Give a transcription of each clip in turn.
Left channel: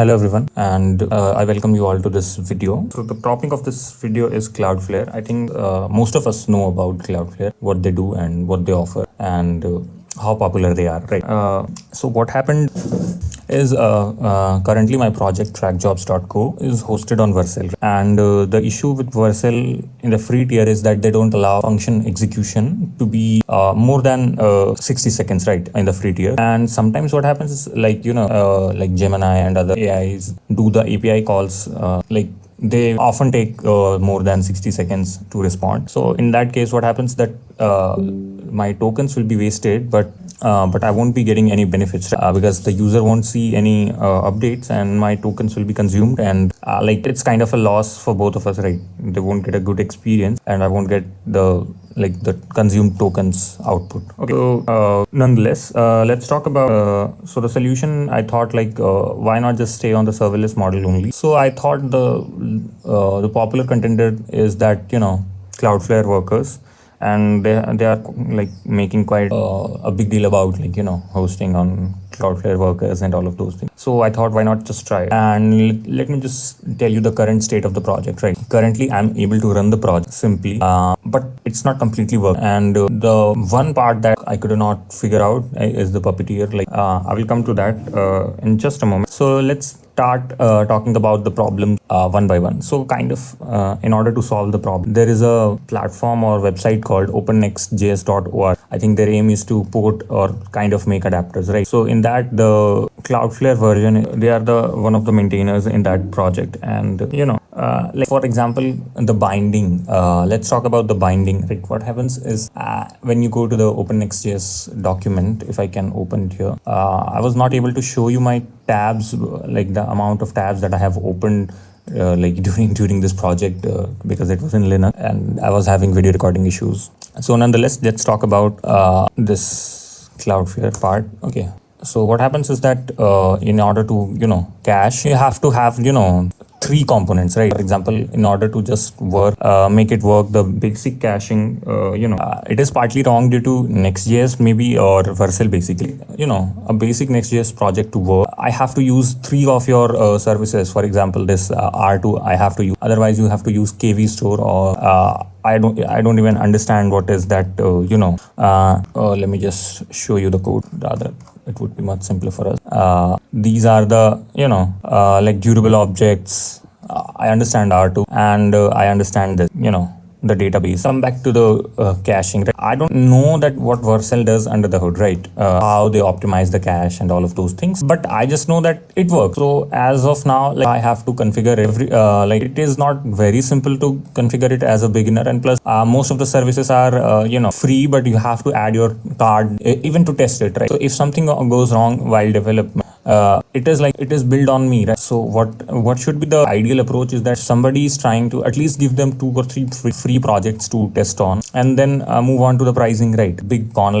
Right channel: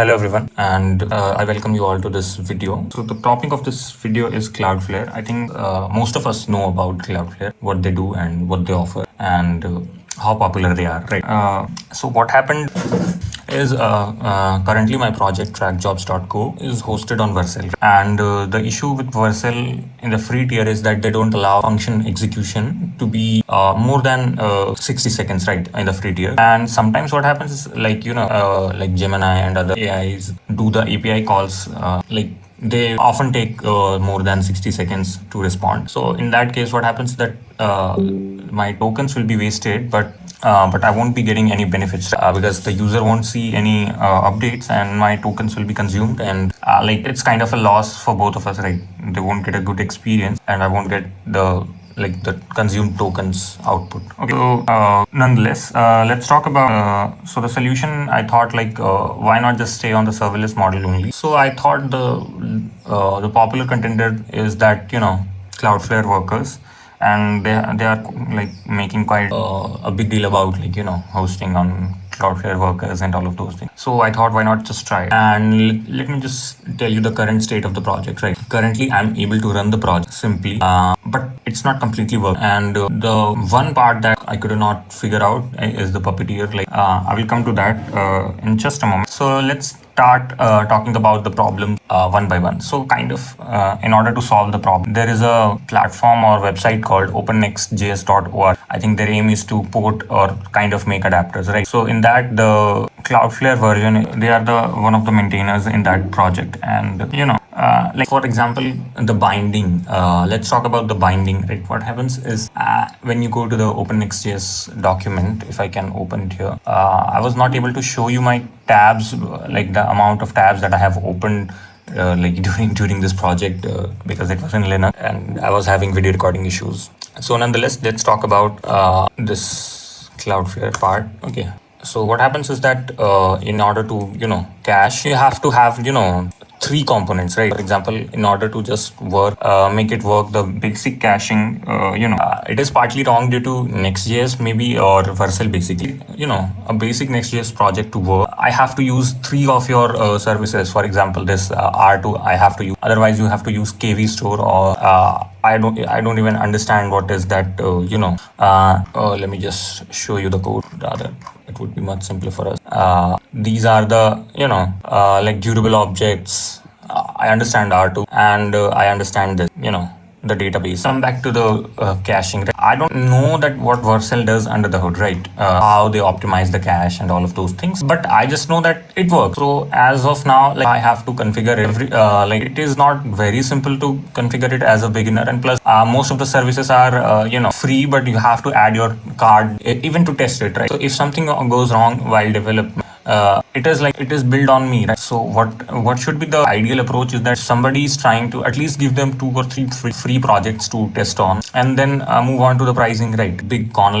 Hello everyone, and I welcome you all to this video. So the topic of this video is Cloudflare. I think most of us know about Cloudflare, what they do and what they offer, and how popular they are, right? So what happened is currently my project trackjobs.co is hosted on Vercel, and the issue with Vercel in the free tier is that they don't allow function execution to be more than 60 seconds, right, in the free tier. And sometimes what happens is like Gemini and other AIs do the API calls they often take more than 60 seconds to respond. So in that case, what happens that my tokens will be wasted, but I won't be getting any benefits because the user won't see any updates and my tokens will be consumed, and it's kind of a loss for both of us, right? They won't get a good experience and I won't get the consumed tokens output. Okay, so nonetheless, let's talk about so the solution. I thought why not just stay on the serverless model only? So I thought the popular contender is that Cloudflare Workers, and they are making quite a big deal about hosting on Cloudflare Workers and all of those things. So I thought, why not just try it? And let me just tell you the current state of the project, right? Currently, I'm able to run the project simply, but it's not completely working. And the one part that I could not figure out is the puppeteer. I will come to that in just a moment. So let's start talking about the problem one by one. So in order to solve the problem, there is a platform or website called opennextjs.org. I think their aim is to port or kind of make adapters, right? So in that, the Cloudflare version, they are the one of the maintainers in that project. And for example, the binding, let's talk about the binding, right? What happens is when you go to the OpenNextJS document, if I can open it here, I was not able to show you my tabs, like the amount of tabs that I have opened during this project because it was in Linux and I was having video recording issues. So nonetheless, let's talk about this Cloudflare part. Okay. So what happens is that in order to cache, you have to have three components, right? For example, in order to just make it work, the basic caching, it is partly wrong due to Next.js maybe, or Vercel. Basically, a basic Next.js project to work, I have to use three of your services. For example, this R2 I have to use. Otherwise, you have to use KV store, or I don't even understand what is that. Let me just show you the code. Rather, it would be much simpler for us. These are the durable objects. I understand R2, and I understand this, the database. Come back to the caching. Right? I don't know that what Vercel does under the hood, right? How they optimize the cache and all of those things. But I just know that it works. So as of now, I have to configure it is not very simple to configure it as a beginner. And plus, most of the services are free, but you have to add your card even to test it, right? So if something goes wrong while development, it is built on me, right? So what should be the ideal approach is that somebody is trying to at least give them 2 or 3 free projects to test on, and then move on to the pricing, right? Big con,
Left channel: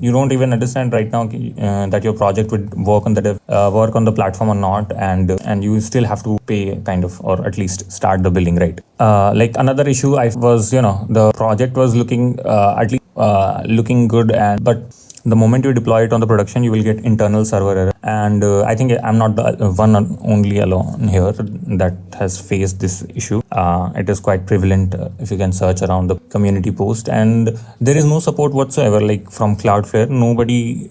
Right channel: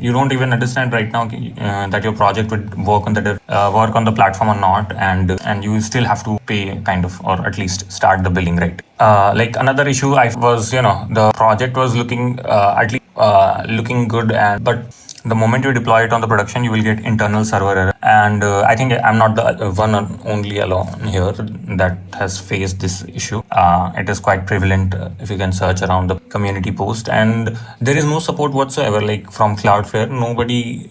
you don't even understand right now that your project would work on the platform or not, and you still have to pay or at least start the billing, right? Another issue was the project was looking looking good, but the moment you deploy it on the production, you will get internal server error. And I think I'm not the one only alone here that has faced this issue. It is quite prevalent if you can search around the community post, and there is no support whatsoever. From Cloudflare, nobody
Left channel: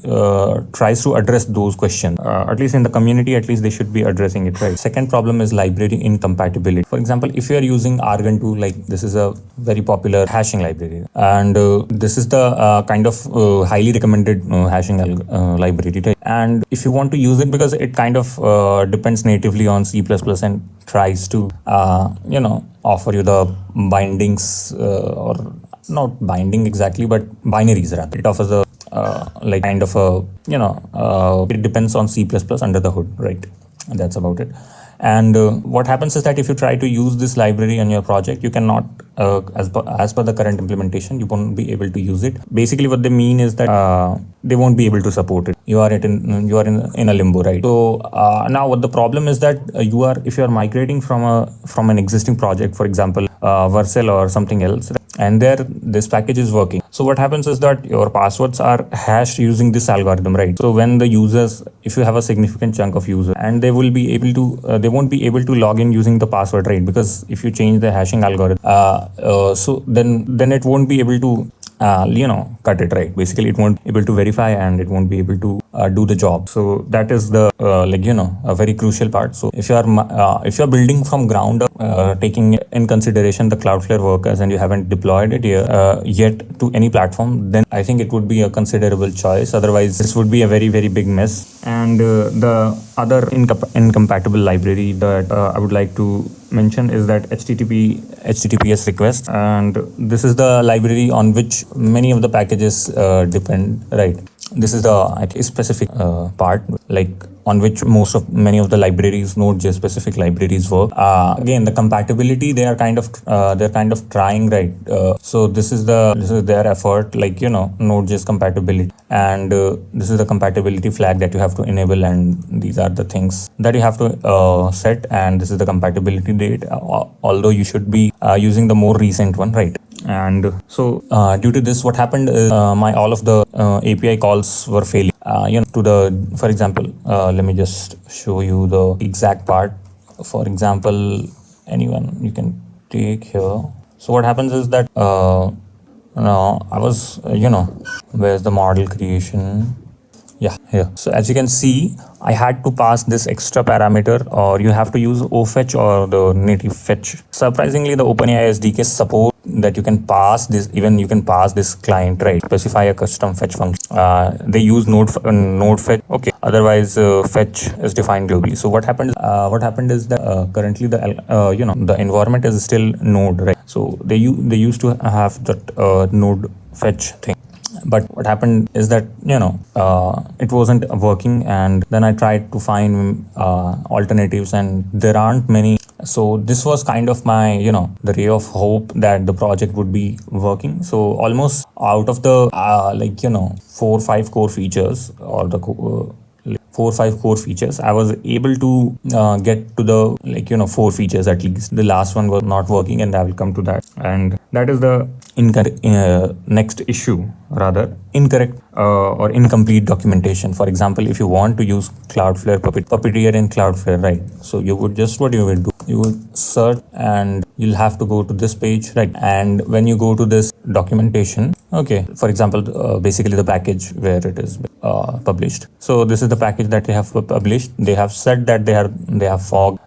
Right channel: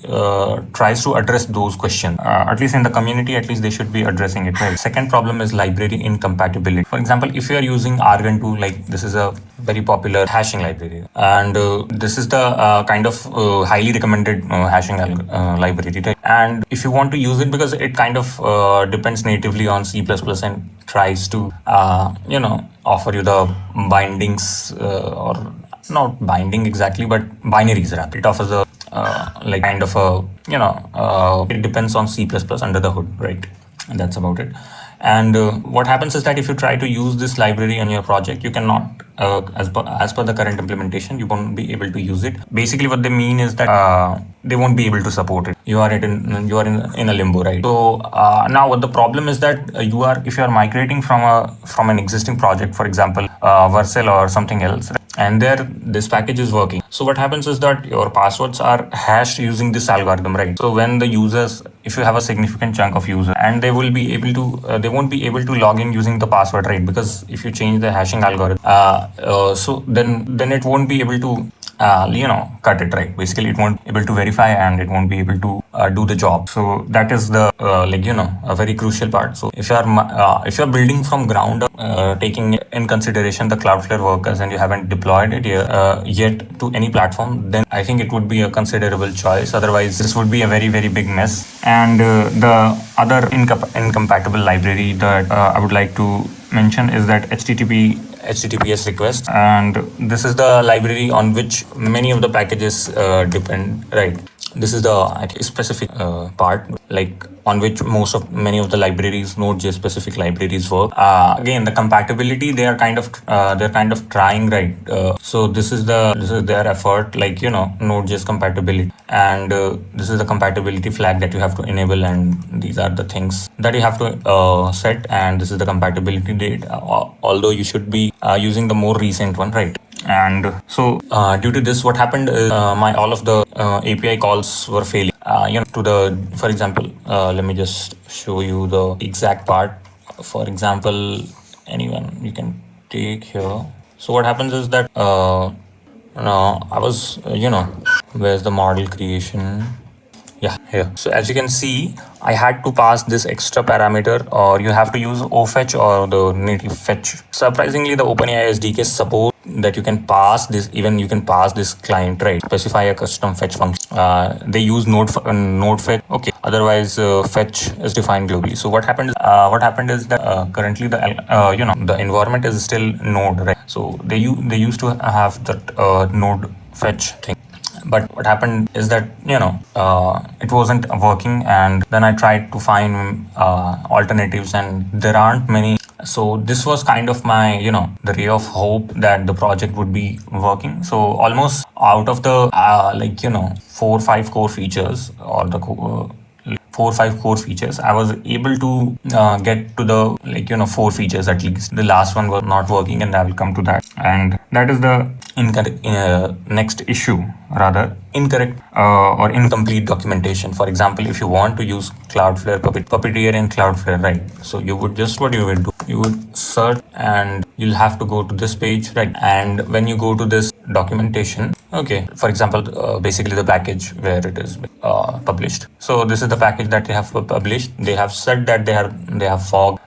tries to address those questions. At least in the community, at least they should be addressing it. Right? Second problem is library incompatibility. For example, if you are using Argon2, this is a very popular hashing library, and this is the highly recommended hashing library, right? And if you want to use it, because it depends natively on C++ and tries to offer you the bindings, or not binding exactly, but binaries rather. It offers a it depends on C++ under the hood, right? And that's about it. And what happens is that if you try to use this library on your project, you cannot, as per the current implementation, you won't be able to use it. Basically, what they mean is that they won't be able to support it. You are in a limbo, right? So now, what the problem is that if you are migrating from an existing project, for example, Vercel or something else, and there this package is working. So what happens is that your passwords are hashed using this algorithm, right? So when the users, if you have a significant chunk of users, and they will be able to they won't be able to log in using the password, right? Because if you change the hashing algorithm, so then it won't be able to cut it, right? Basically, it won't be able to verify, and it won't be able to do the job. So that is the a very crucial part. So if you're building from ground up, taking in consideration the Cloudflare workers, and you haven't deployed it here yet to any platform, then I think it would be a considerable choice. Otherwise, this would be a very, very big mess. And the other incompatible library that I would like to mention is that HTTPS request, and this is the library on which many of the packages depend, right? This is the specific part, like on which many of the libraries, Node.js specific libraries work. Again, the compatibility, they are kind of trying, right? So this is their effort, like Node.js compatibility, and this is the compatibility flag that you have to enable, and these are the things that you have to set, and this is the compatibility date. Although you should be using the more recent one, right? And so due to this, what happened is all of the API calls were failing. For example, let me just show you the exact part. For example, anyone you can take here. So what happens is that now I was where's the model creation? Yeah, here. So as you can see, I had to pass this extra parameter, or you have to use ofetch or the native fetch. Surprisingly, the OpenAI SDK support that you can pass this, even you can pass this client, right? Specify a custom fetch function. They use node fetch. Okay. Otherwise, fetch is defined globally. So what happened? What happened is that currently the environment is still node, right? So they used to have that node fetch thing. But what happened is that it wasn't working, and then I tried to find alternatives, and there aren't many. So this was kind of my the ray of hope that the project would be working. So almost out of the 4 or 5 core features, or the 4 or 5 core features, I was able to get to the 4 features at least. The last one was not working, and I will come to that. And that is the next issue, rather incorrect or incomplete documentation. For example, if you want to use Cloudflare Puppeteer in Cloudflare, right? So you would what you will do, you would search, and you'll have to go to this page, right? And when you go to this documentation, okay, for example, basically the package where it is published. So this is the package that they have published. They have said that they have forked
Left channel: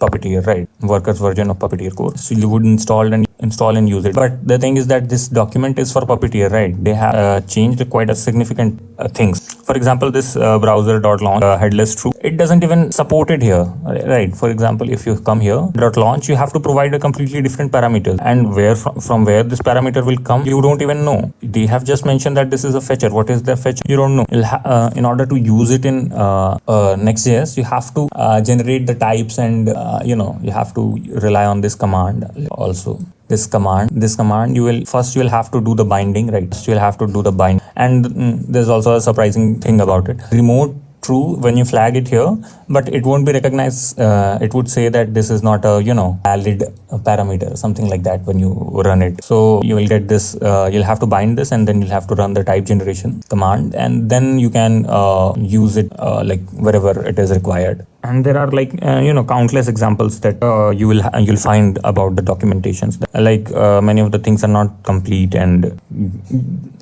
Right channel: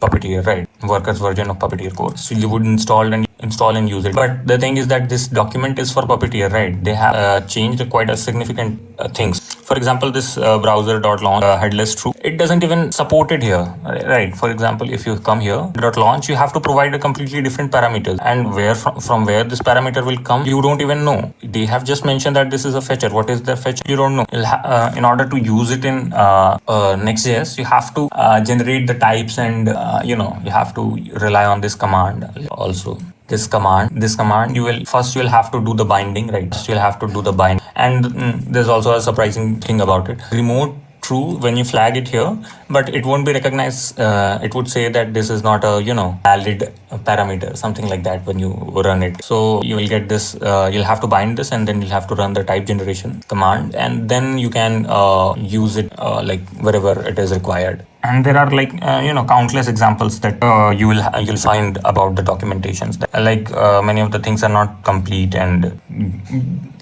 Puppeteer, right? Workers version of Puppeteer core. So you would install and use it. But the thing is that this document is for Puppeteer, right? They have changed quite a significant things. For example, this browser.launch headless true, it doesn't even support it here, right? For example, if you come here .launch, you have to provide a completely different parameters, and from where this parameter will come, you don't even know. They have just mentioned that this is a fetcher. What is the fetcher? You don't know. In order to use it in Next.js, you have to generate the types, and you have to rely on this command also. This command, you will have to do the binding, right? You'll have to do the bind, and there's also a surprising thing about it. Remote true when you flag it here, but it won't be recognized. It would say that this is not a valid parameter, something like that when you run it. So you will get this. You'll have to bind this, and then you'll have to run the type generation command, and then you can use it wherever it is required. And there are countless examples that you'll find about the documentations. Many of the things are not complete, and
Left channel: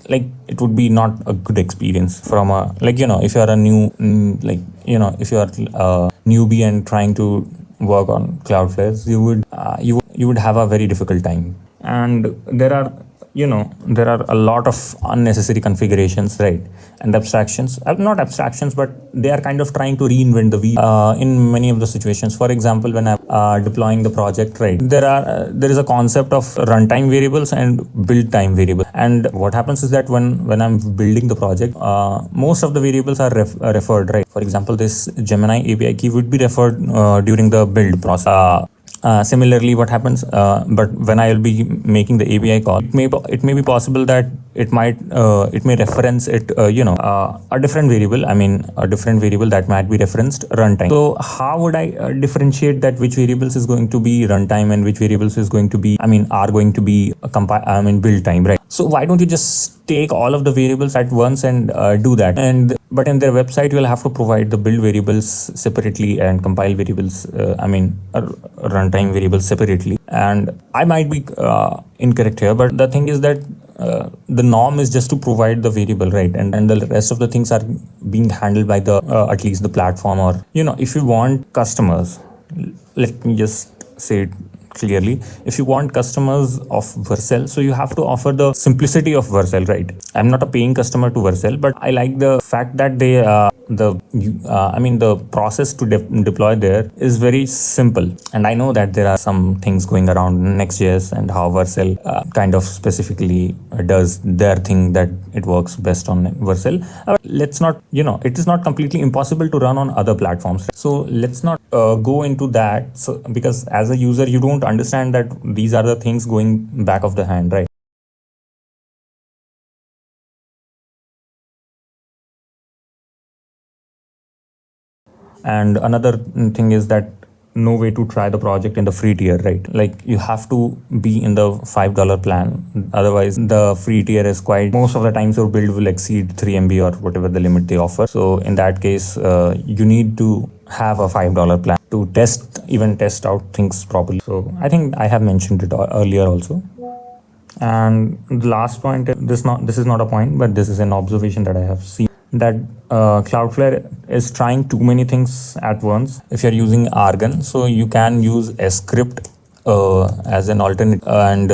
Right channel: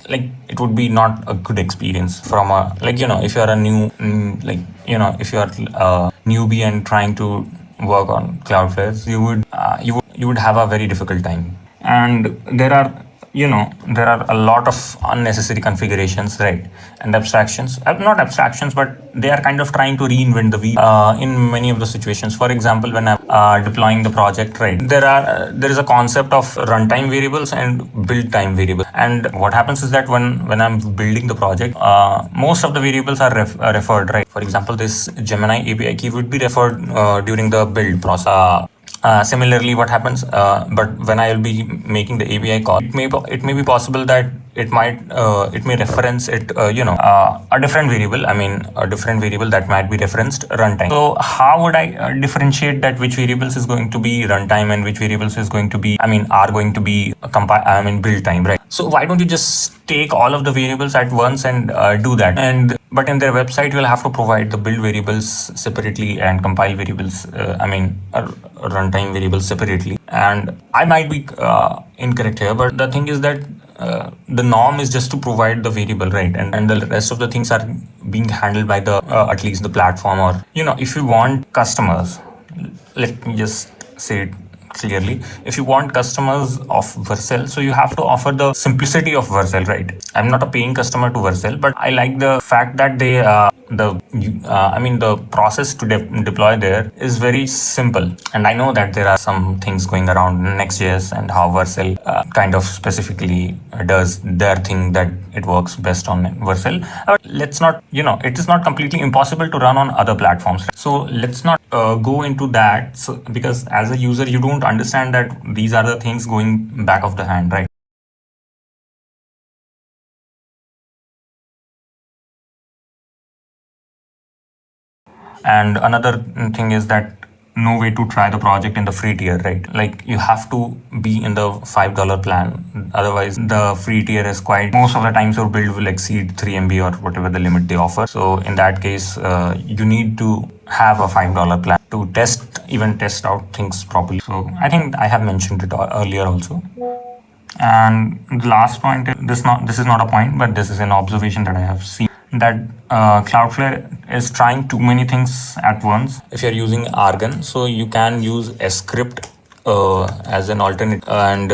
it would be not a good experience from a if you're a new if you're a newbie and trying to work on Cloudflare, you would have a very difficult time. And there are a lot of unnecessary configurations, right? And abstractions, not abstractions, but they are kind of trying to reinvent the wheel in many of the situations. For example, when I'm deploying the project, right, there is a concept of runtime variables and build time variables. And what happens is that when I'm building the project, most of the variables are referred, right? For example, this Gemini API key would be referred during the build process. Similarly, what happens? But when I will be making the API call, it may be possible that it may reference it, a different variable. I mean, a different variable that might be referenced runtime. So how would I differentiate that which variables is going to be runtime and which variables is going to be, are going to be build time, right? So why don't you just take all of the variables at once and do that? But in their website, you'll have to provide the build variables separately and compile variables, runtime variables separately. And I might be incorrect here, but the thing is that the norm is just to provide the variable, right? And the rest of the things are being handled by the at least the platform, or if you want customers, let me just say it clearly. If you want customers of vercel, so you have to offer the simplicity of vercel, right? I'm not a paying customer to vercel, but I like the fact that the process to deploy there is very simple. And I know that there are some things going around nextjs and how vercel kind of specifically does their thing, that it works best on vercel. Let's not, it is not completely impossible to run on other platforms. So let's not go into that, because as a user, you don't understand that these are the things going back of the hand, right? And another thing is that no way to try the project in the free tier, right? Like, you have to be in the $5 plan. Otherwise, the free tier is quite, most of the times your build will exceed 3 MB or whatever the limit they offer. So in that case, you need to have a $5 plan to test out things properly. So I think I have mentioned it earlier also. And the last point, this is not a point, but this is an observation that I have seen, that Cloudflare is trying too many things at once. If you're using Argon, so you can use a script as an alternate, and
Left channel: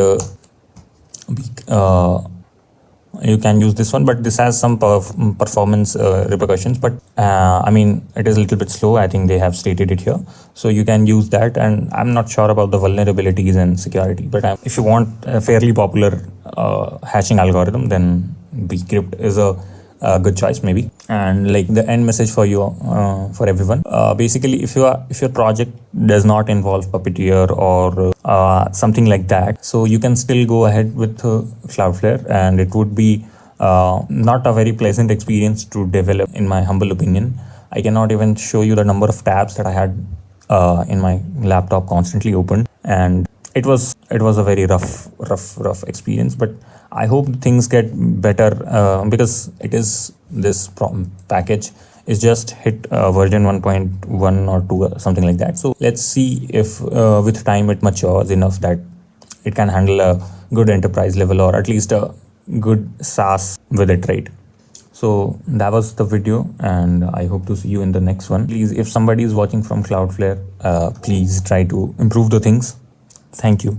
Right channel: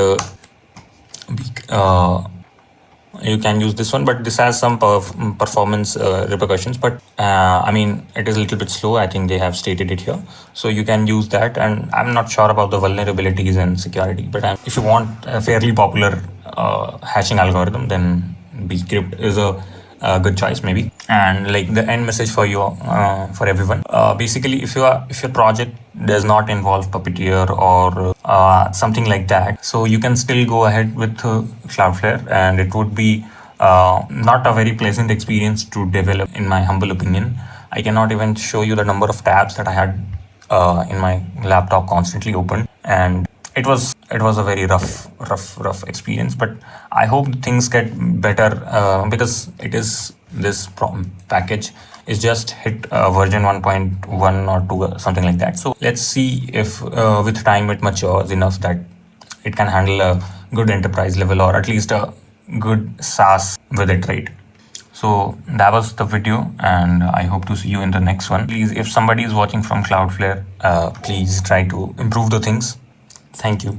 you can use this one, but this has some performance repercussions. But it is a little bit slow. I think they have stated it here, so you can use that. And I'm not sure about the vulnerabilities and security, but if you want a fairly popular hashing algorithm, then bcrypt is a good choice maybe. And like the end message for you, for everyone, basically, if your project does not involve Puppeteer or something like that, so you can still go ahead with Cloudflare, and it would be not a very pleasant experience to develop, in my humble opinion. I cannot even show you the number of tabs that I had in my laptop constantly open, and it was a very rough experience. But I hope things get better, because this package is just hit version 1.1 or 2 or something like that. So let's see if with time it matures enough that it can handle a good enterprise level, or at least a good SaaS with it, right? So that was the video, and I hope to see you in the next one. Please, if somebody is watching from Cloudflare, please try to improve the things. Thank you.